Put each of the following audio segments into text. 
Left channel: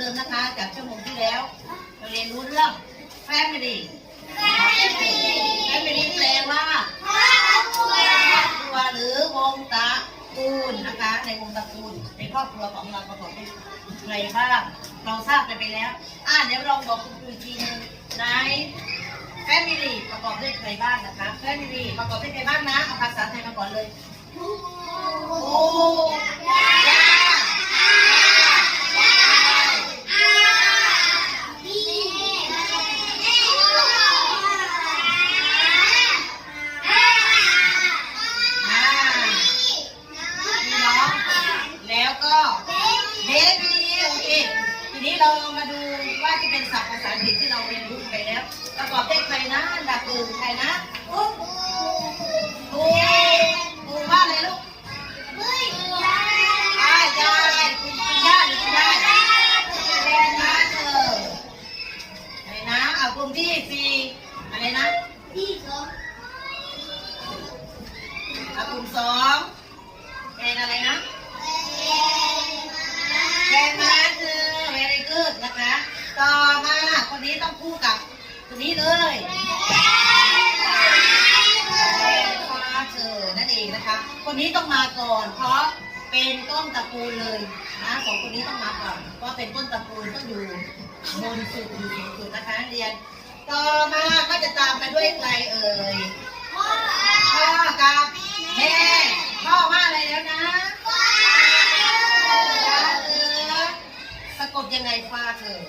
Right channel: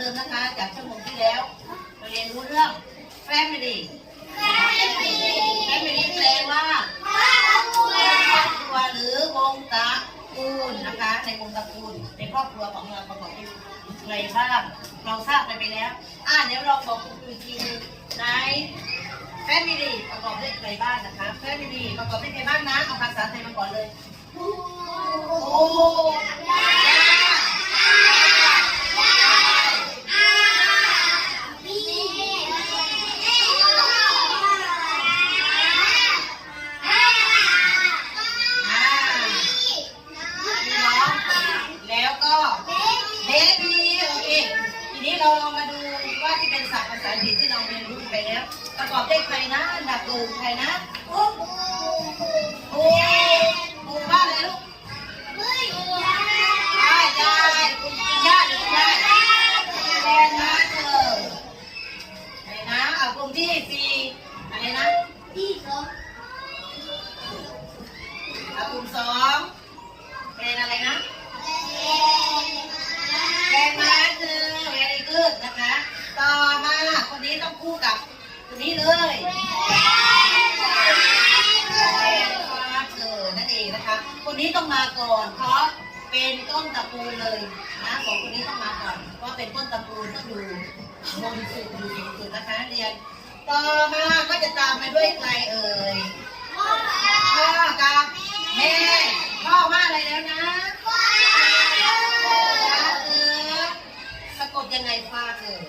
รียนรู้เรื่องเดิมนะคะ จากชั่วโมงที่แล้ว เราเรียนรู้เรื่อง family family แปลว่าครอบครัวหรือวงตระกูลนะคะ ในวงตระกูลในครอบครัวของเราประกอบด้วยใครบ้างเราทราบกันไปแล้ว อ่าเดี๋ยวลองบอกคุณครูอีกทีหนึงใน family ประกอบด้วยใครบ้างนะคะ family ประกอบด้วยใครบ้างนะเอาภาษาไทยมาก่อนเลย โอ้ย่ เป็นศัพท์ภาษาอังกฤษที่เราเรียนรู้ไปแล้ว ประกอบด้วยใครนะดับหนึ่งใครนะปูปูปู เลยฟ้าเธอนั่นเองนะคะ คนนี้ต้องมาก่อน เพราะเป็นต้นตระกูลเลยนะสองคนนี้ต้องมาก่อนเพราะเป็นต้นตระกูลต้องอยู่บนสุดอยู่สูงสุดนะคะเรียน ต่อมาก็จะตามมาด้วยใครเอ่ยพ่อกับแม่พ่อว่าอะไรแล้วนะฟ้าเธอสะกดยังไงฟ้าเธอ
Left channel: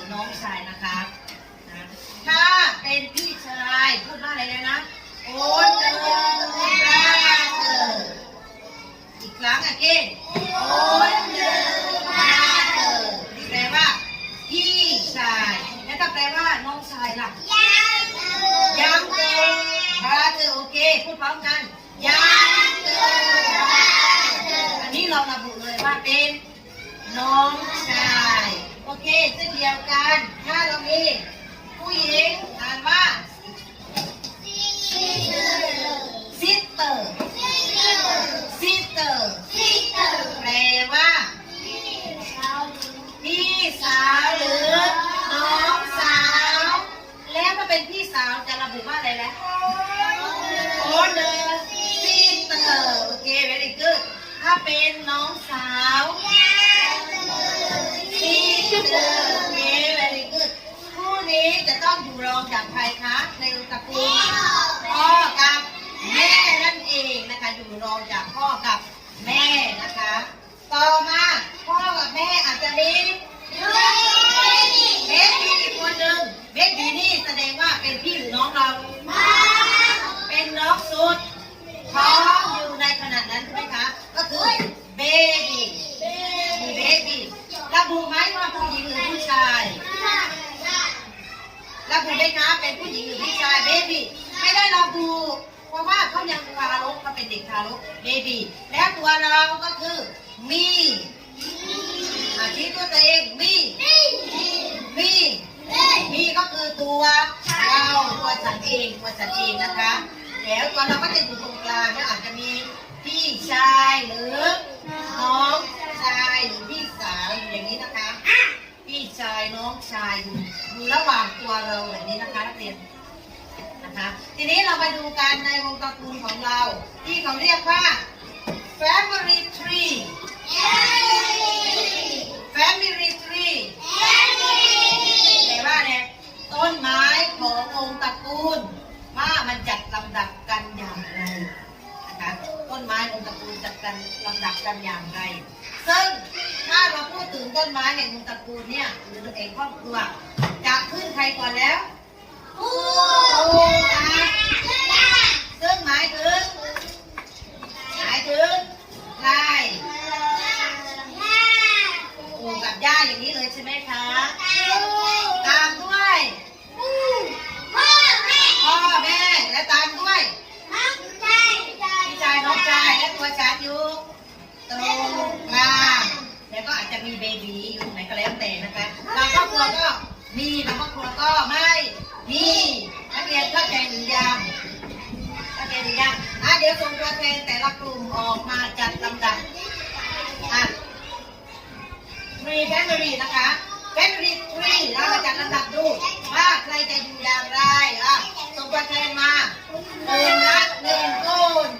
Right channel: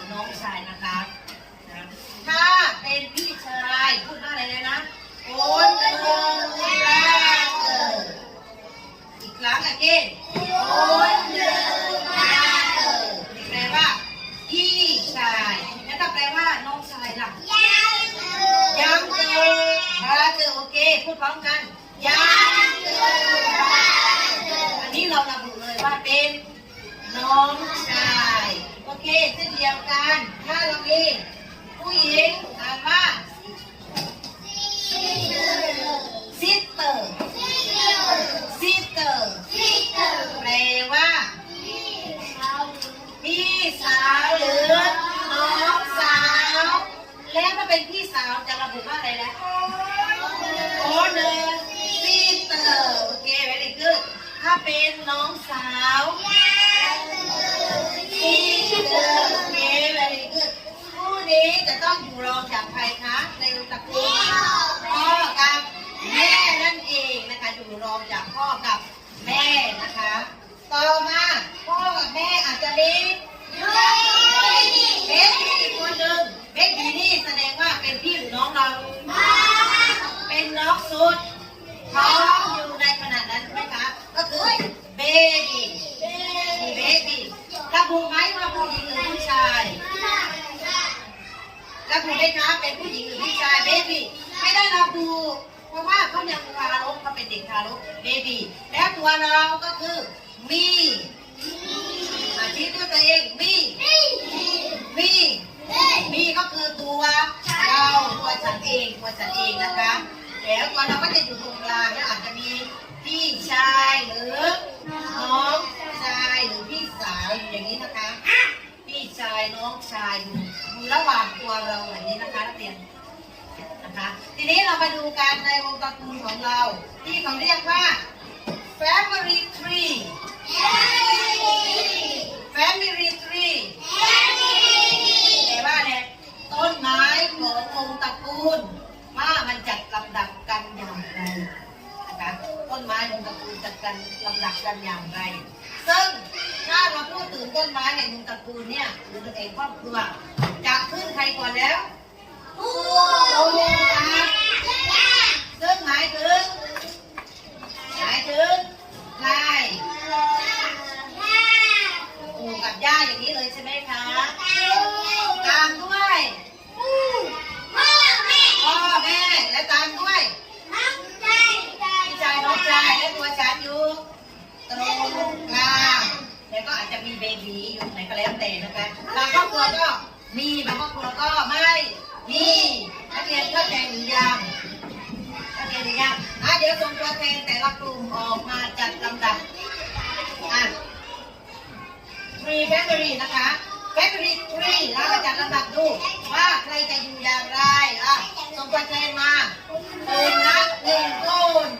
พี่ชายหรือน้องชายนะคะนะถ้าเป็นพี่ชายพูดว่าอะไรเลยนะโอนเดิน brother อีกครั้งอะเก้โอนเดิน brother แปลว่า พี่ชายแล้วถ้าแปลว่าน้องชายล่ะยังเกินพาเธอโอเคพูดพร้อมกันยังเกินอันนี้เราระบุเลยว่าเป็นน้องชาย อเคเช่นเดียวกันถ้าเรามีผู้หญิงอ่านว่า sister sister แปลว่าพี่สาวหรือน้องสาว แล้วถ้าเป็นพี่สาวจะระบุว่าอะไรแล้วโอเดอร์ซีเตอร์โอเค very good ถ้าเป็นน้องสาว นี้เลยคู่นี้จะต้องอยู่รองจากใครคะ ในตระกูลพ่อกับแม่นั่นเองนะคะ อยู่รองจากพ่อกับแม่นะคะ ต่อมาพ่อกับแม่อาจจะมีเบสบีคนหนึ่งเบสบีนี่แสดงว่าเป็นพี่หรือน้องเรา เป็นน้องสุดท้องอยู่ในขนาดนั้นใช่ไหมคะ ก็คือเบบีเบบี ระบุไหมว่าผู้หญิงหรือผู้ชายระบุได้นะเป็นผู้หญิงหรือผู้ชายเบบี้ไม่ได้ระบุเพราะว่าเขายังทารกเขาเป็นเด็กทารกเบบี้แล้วตัวเราก็คือมีอาชีพตัวเองมีมีมีก็คือตัวเราตัวฉันเองตัวฉันเองนะคะแล้วตัวเราก็จะอยู่ตรงกลางแล้วอาจจะมีพี่ชายหรือน้องชายหรือพี่ อย่างนี้นะคะ พี่ชายน้องชายอยู่ระหว่างตัวเราแบบนี้นะคะนักเรียนนะคะ ทีนี้เรามาดูกันในวงตระกูลของเรา ที่เขาเรียกว่า family tree family tree แปลว่าเนี่ยต้นไม้ของวงตระกูล ว่ามันจัดลำดับกันอย่างไรนะคะต้นไม้วงตระกูลจัดกันลำดับกันอย่างไร ซึ่งถ้าเราพูดถึงต้นไม้แห่งตระกูลเนี่ยหรือตัวเองครอบครัวจะขึ้นใครก่อนแล้วโอ้ครับซึ่งหมายถึงหมายถึงนายปู่กับย่าอย่างนี้เลยใช่ไหมคะตามด้วยพ่อแม่และตามด้วยพี่ชายน้องชายและตัวฉันอยู่ ตรงกลางแล้วก็อาจจะมีเบบีอยู่ไหนก็แล้วแต่นะคะบางครอบครัวก็มีบางครอบครัวก็ไม่มีนักเรียนเข้าใจหรือยังเข้าใจหรือยังอะเดี๋ยวส่งตัวแทนแต่ละกลุ่มออกมาจัดลำดับอะมีแฟมิลี่นะคะแฟมิลี่ทรีเรามาจัดลำดับดูว่าใครจะอยู่อย่างไรอะส่งตัวแทนมาคนละหนึ่งคน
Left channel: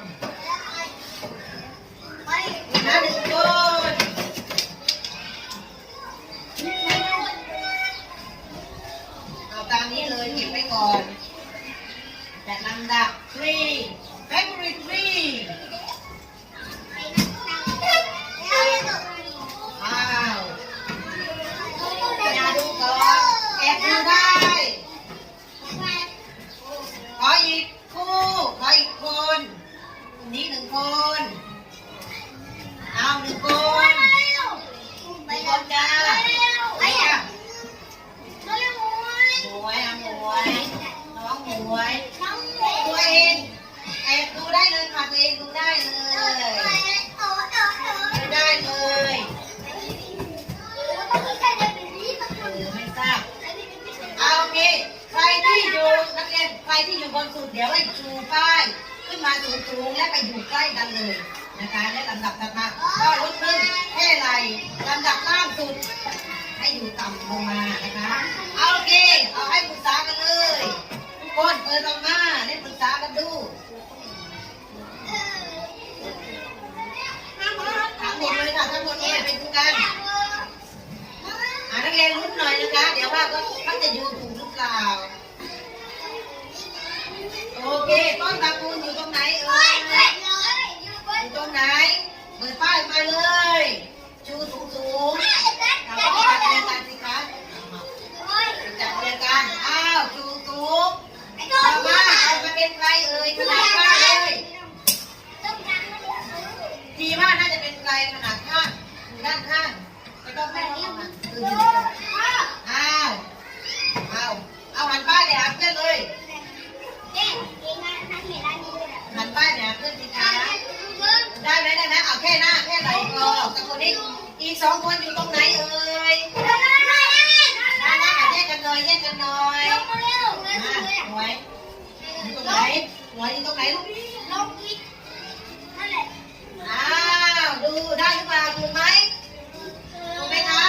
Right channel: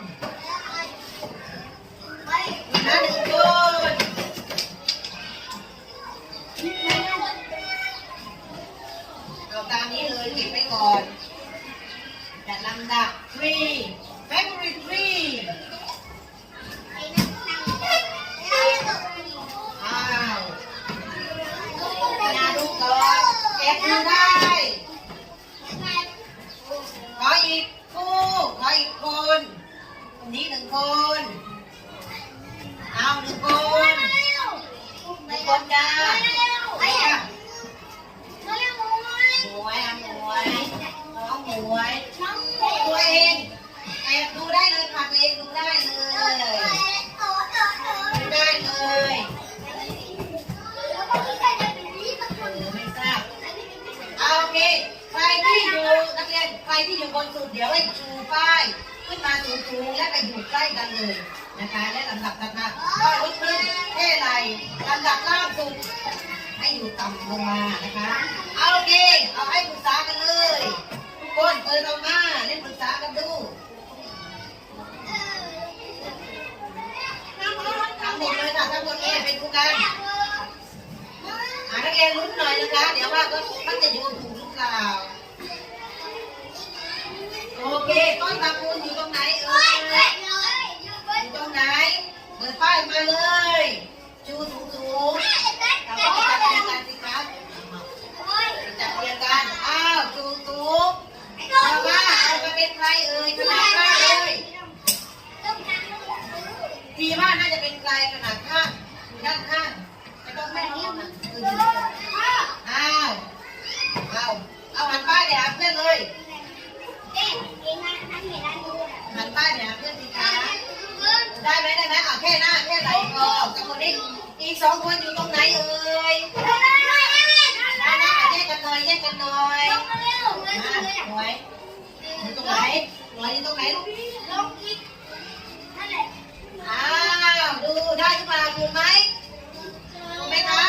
เอาตามนี้เลยเก็บไว้ก่อนจัดลำดับ three family tree อ้าวอย่าดูก่อน ทุกคนเปิดออกมาได้ปรึกษากันดูทั้งหมดเลยค่ะทั้งหมดเลยเป็นผู้กันอ่านักเรียนลุ้นหน่อยนะคะ เดี๋ยวว่าก็มันจะอยู่ถูกหรือเปล่า โอเคต้นตระกูลอยู่ตรงไหนเอ่ยอยู่ตรงไหน เปิดป้ายมาเลย ชูสูงสูงๆเราก็จัดเรียนกันสิครับจัดเรียนกันอ้าวชูสูง แต่ว่าเอาไปเป็นใครเอ่ยขนาดข้างเลยทีว่าน่าจะเป็นใครขนาดข้างอยู่ด้านข้างไม่ต้องไม่ต้องนะเอออยู่ด้วยกันอ้าวเอาเอาหันป้ายเลยหาเพื่อนเลยหันป้ายเลยหาเพื่อนสิคะได้ไหมได้ไหมเอาแค่หน้าแค่ไหลพอกับคนนี้อีกสองคนอยู่ตรงไหนเอ่ยได้ได้แยกกันหน่อยแยกกันหน่อย หน่วยอยู่ตรงไหนหน่วยอยู่ตรงไหนลูกลอ้าวดูได้หรือเปล่าถูกไหมถูกไหมคะ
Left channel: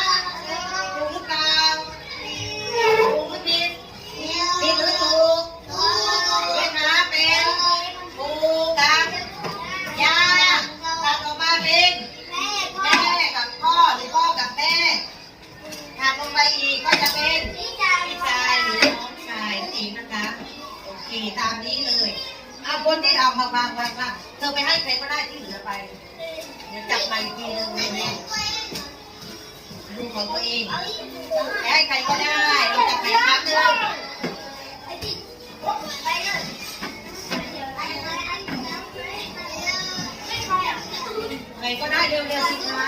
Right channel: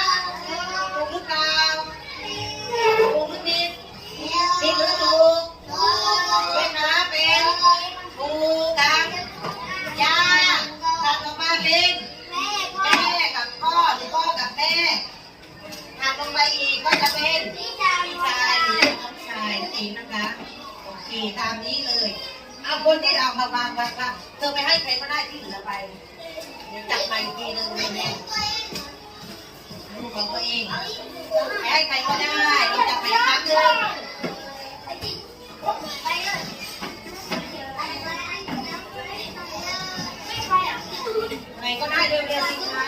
ถูกหรือเปล่าถูกหรือผิดผิดหรือถูกเป็นนะเป็นถูกกับยาตัดออกมาเป็นแม่กับพ่อหรือพ่อกับแม่หักลงไปอีกก็จะเป็นี่ตามนี้เลยเอาคนที่เอามาวางวางวางเธอไปให้ใครก็ได้ที่เหลือไป เดี๋ยวจับมาอีกทีหนึ่งเนี่ยดูของตัวเองให้ใครก็ได้เราจับไปครั้งหนึ่งไปก็ได้เร็วๆสิคะ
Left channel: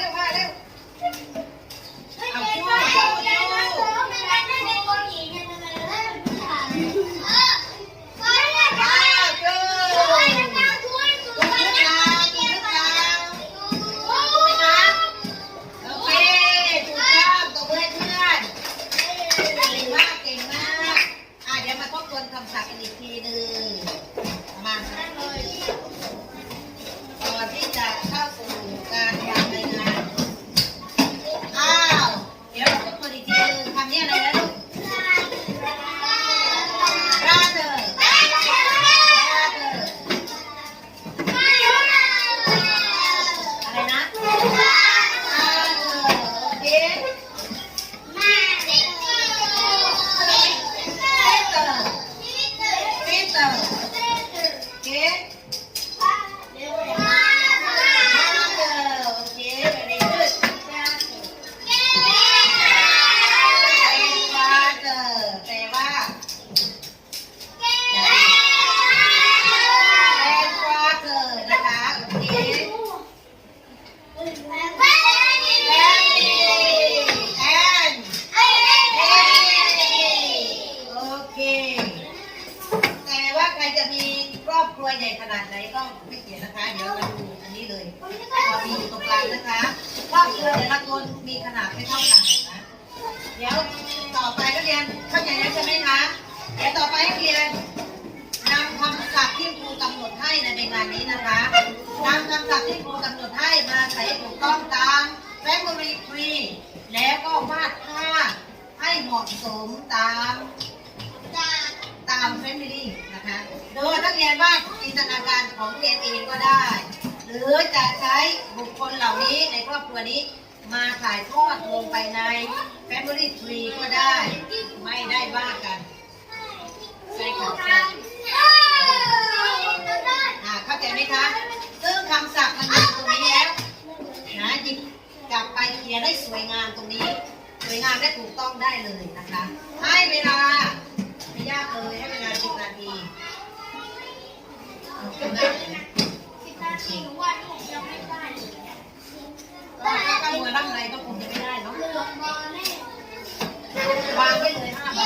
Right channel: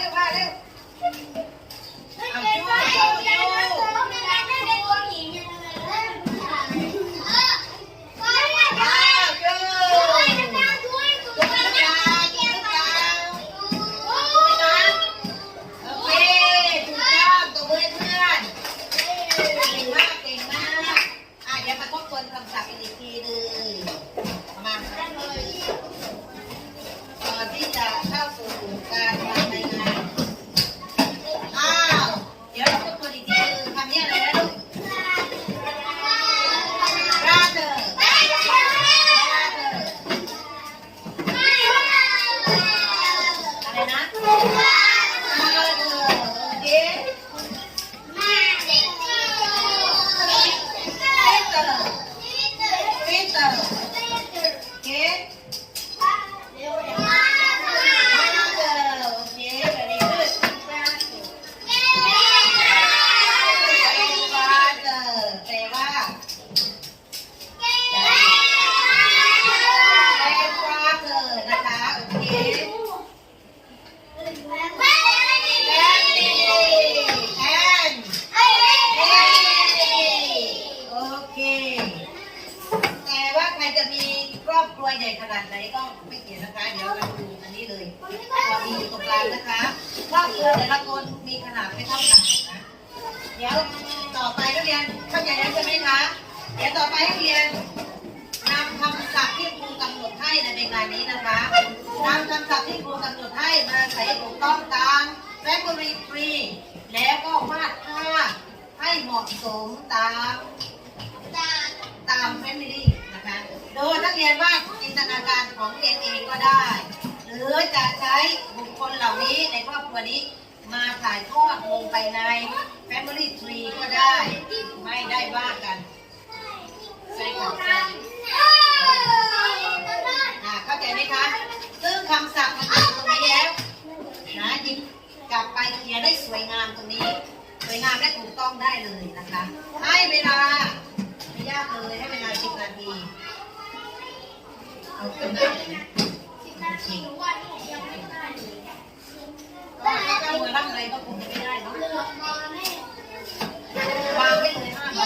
六块六ายนี้นะคะนำคำศัพท์ที่ครูกำหนดให้มาใส่ถูกต้องตามแฟคทรี่ทรีแล้วก็วาดภาพให้เหมาะสมตามตามแฟมิลี่นะคะ โดยนักเรียนวาดจินตนาการของเรียนเองก็ได้ หรือจะใช้บุคคลเหล่านี้ในครอบครัวนี้มาถ่ายทอดลงไปในแฟมิลี่ทรีก็ได้ ไม่ได้ว่ากันใช่ค่ะ อ่าเข้าใจไหมคะซึ่งคำศัพท์มันอยู่ตรงนี้แล้วนะหยิบกลับไปเขียนได้สวยงามตรงนี้ สวยงามและถูกต้องได้เลยนะคะ ให้เวลาไม่ยากเลยให้เวลาสิบนาทีเอาเป็นได้เลยนะก็ถ้าตั้งมือตั้งอะไรก็คงจะไม่ได้เนาะวางไว้เลยห้าใบ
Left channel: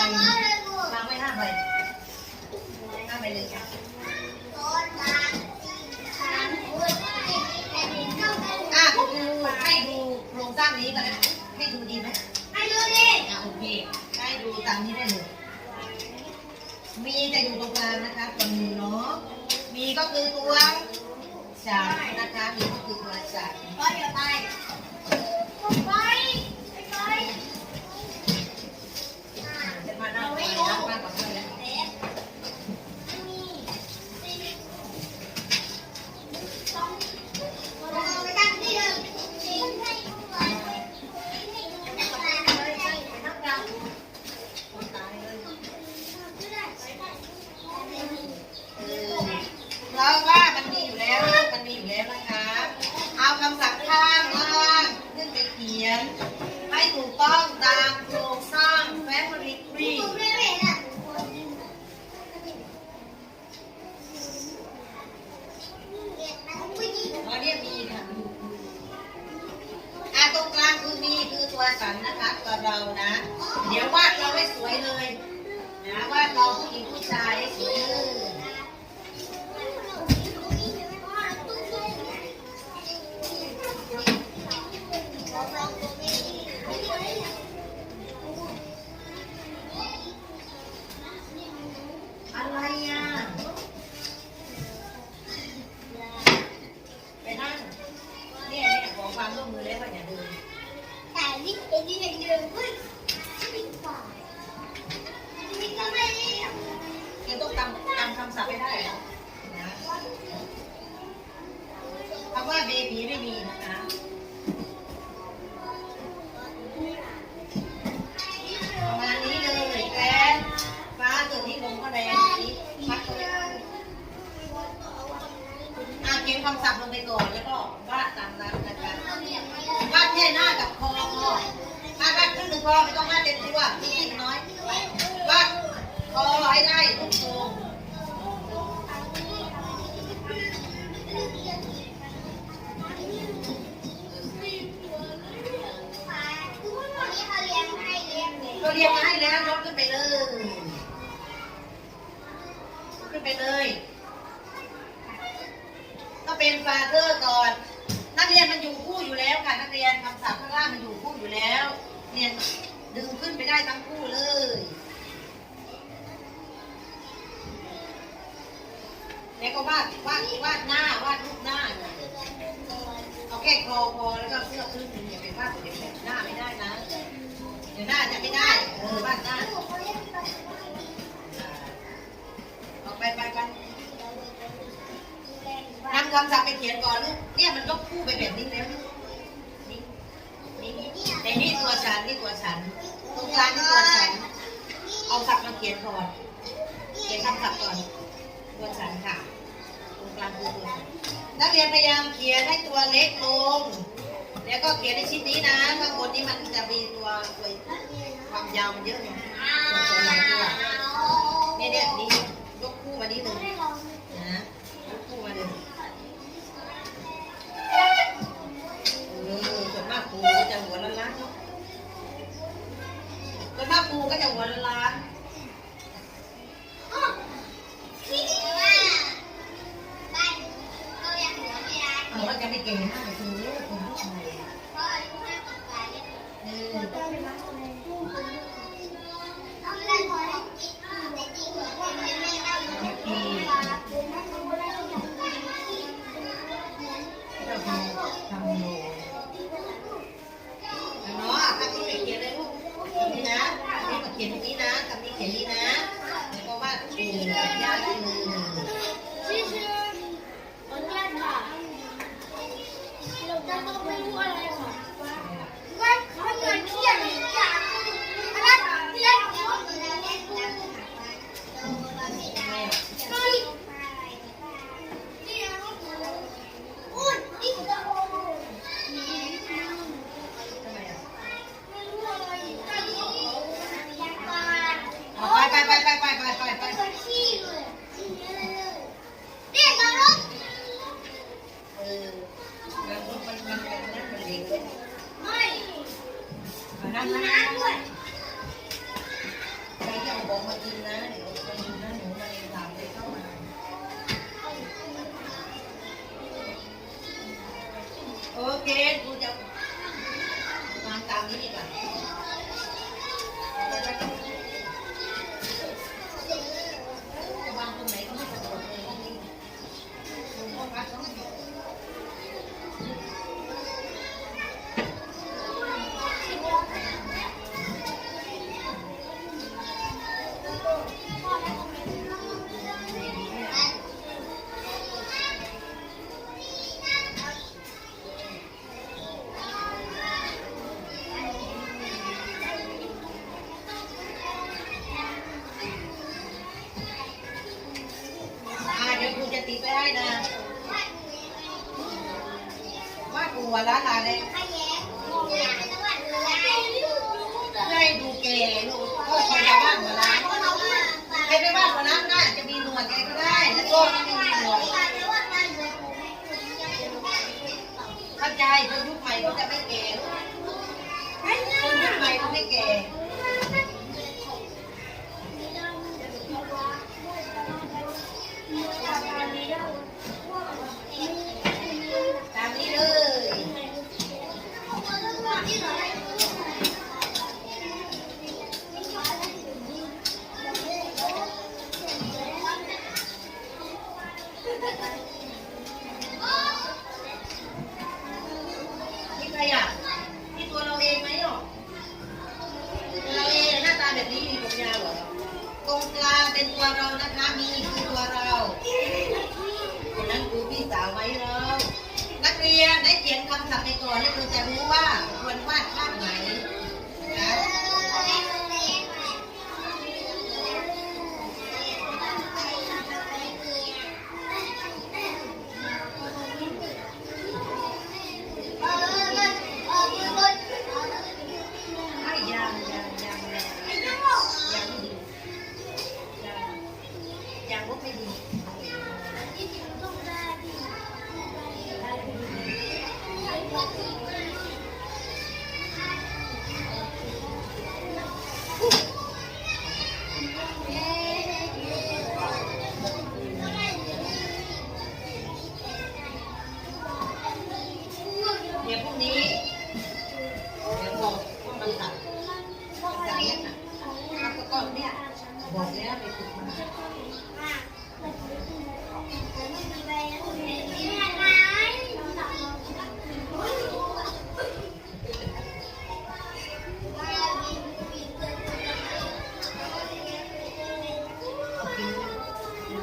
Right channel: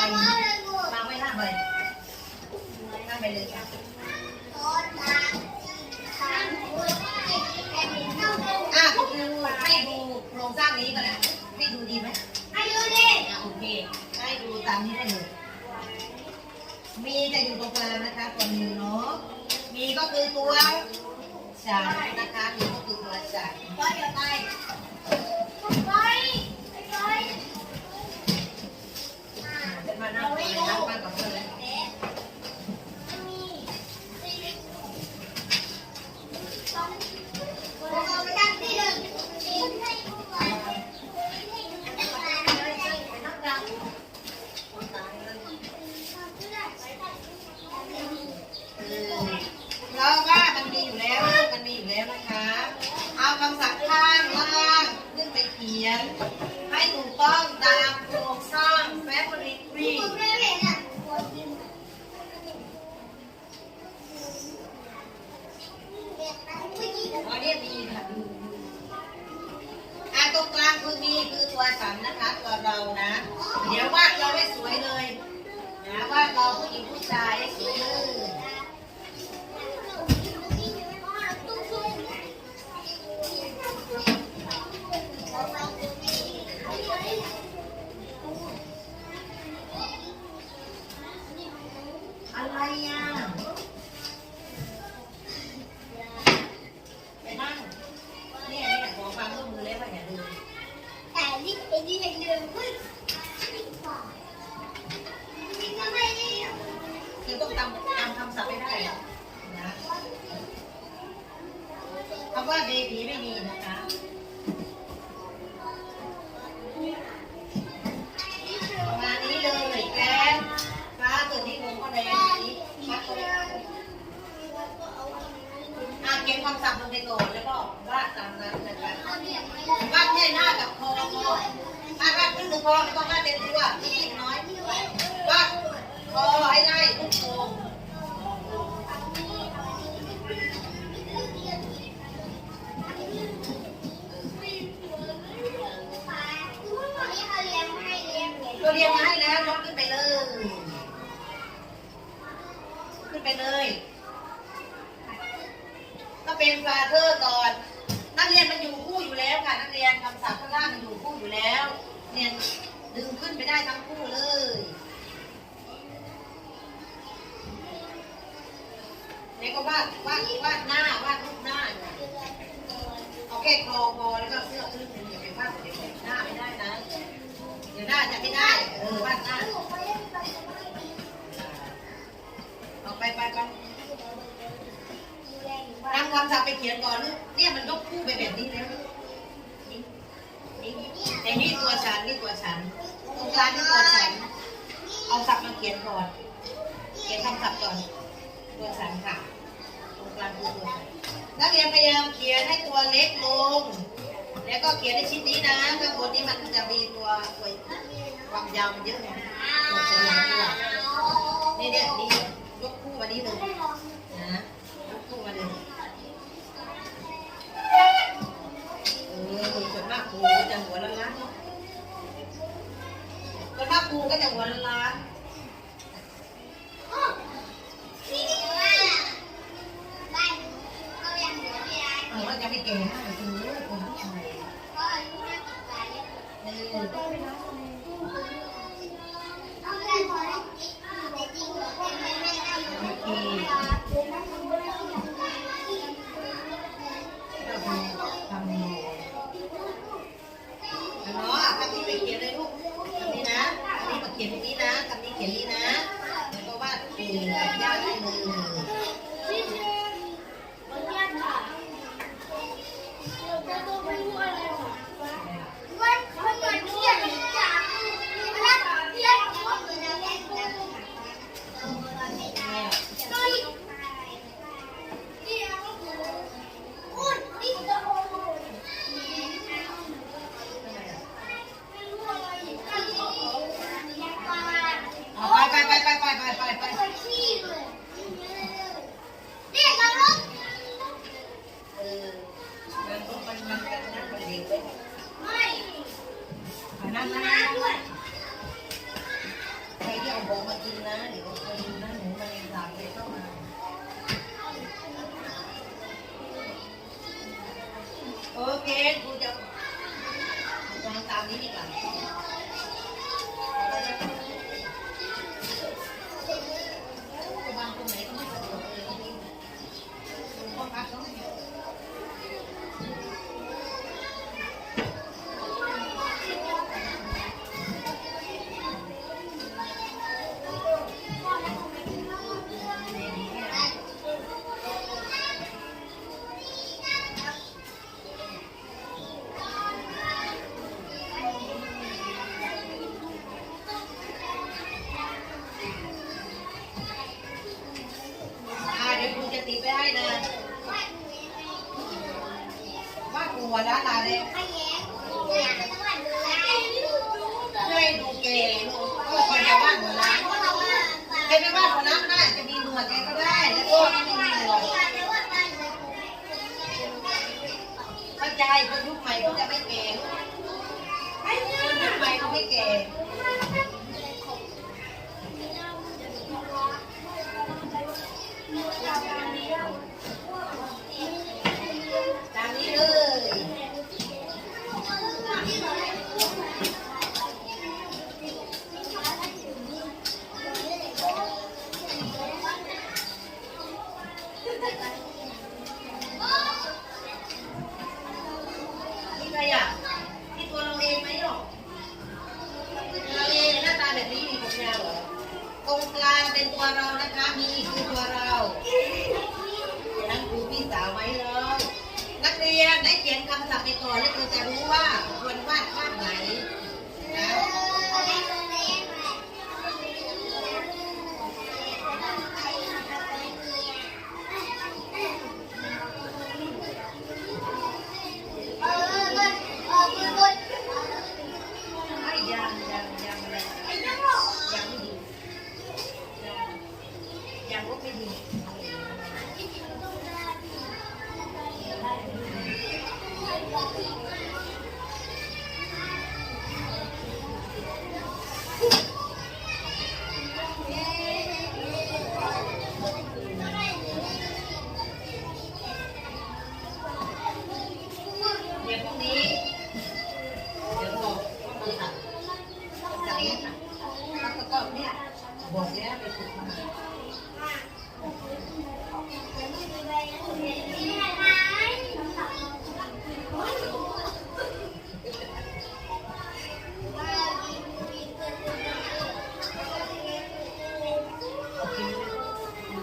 วางไว้ห้าใบห้าใบเลยค่ะ นะให้ดูดีไหมโอเคให้ดูตามนี้ได้เลย มีจะอยู่ตรงกลางนะคะตัวมีเนาะ มีก็คือตัวฉันนะคะ มีก็คือตัวฉันจะมานั่งตรงไหนนั่งบ้างก่อนเท่า อ่าเขียนคำศัพท์ลงไปก่อนแล้วก็วาดตามนั้นนะคะวาดเนี่หน้ากับคอพอถ้าวาดครึ่งหนึ่งพอไม่ต้องวาดเต็มตัวนิดน้อยวาดคอให้ได้ทุกโครงตัวเรียงมาให้แล้วยกขึ้นไปเลย ขึ้นไปเลย เป็นฟาเธอร์ก่อน นักเรียนมันอยู่คู่อยู่แล้วค่ะ นักเรียนคำศัพท์ข้างล่างมันอยู่คู่อยู่แล้ว เรียนดึงขึ้นไปได้ทั้งคู่เลยแล้วก็วาดวาดวาดหน้าวาดรูปหน้าเอาแค่คอพอแล้วก็เสื้อขึ้นอย่าไปวาดเดี๋ยวหน้าไม่ได้นะเดี๋ยวหน้าจะไม่ได้เออวาดหน้าออกไปไปไป นำคำศัพไปเขียนก่อนลูกเนี่ยมันก็คู่ไปแบบนี้แล้วนี่นี่นี่แต่นี่ตัวฉันนี่ตัวฉันตรงกลางนี่ตัวฉัน เอาศัพท์มาเขียนก่อนเขียนคำศัพท์ก่อนตัวฉันค่ะตรงกลางคือตัวฉันนักเรียนพยายามเขียนให้ตัวเล็กลง แล้วก็เขียนในชิ้นนี้นะข้างบนนี้มันจะมีตัวตัวความยาวมันเยอะไงตัวตัวหลังตัวเนี่ยเนี่ยนี่ยกคู่มานี่เลยนะ porque วล้วนะเนี่ยได้ดูเกย์ลูใครจะบ้านหัวร้านใครจะบ้านหัวร้านได้จะมีหนวดใครก็ได้แล้วก็มีหนวดเข้าใจคนยุคใหม่ก็จะไม่เกย์คนยุคใหม่เขาไม่เกย์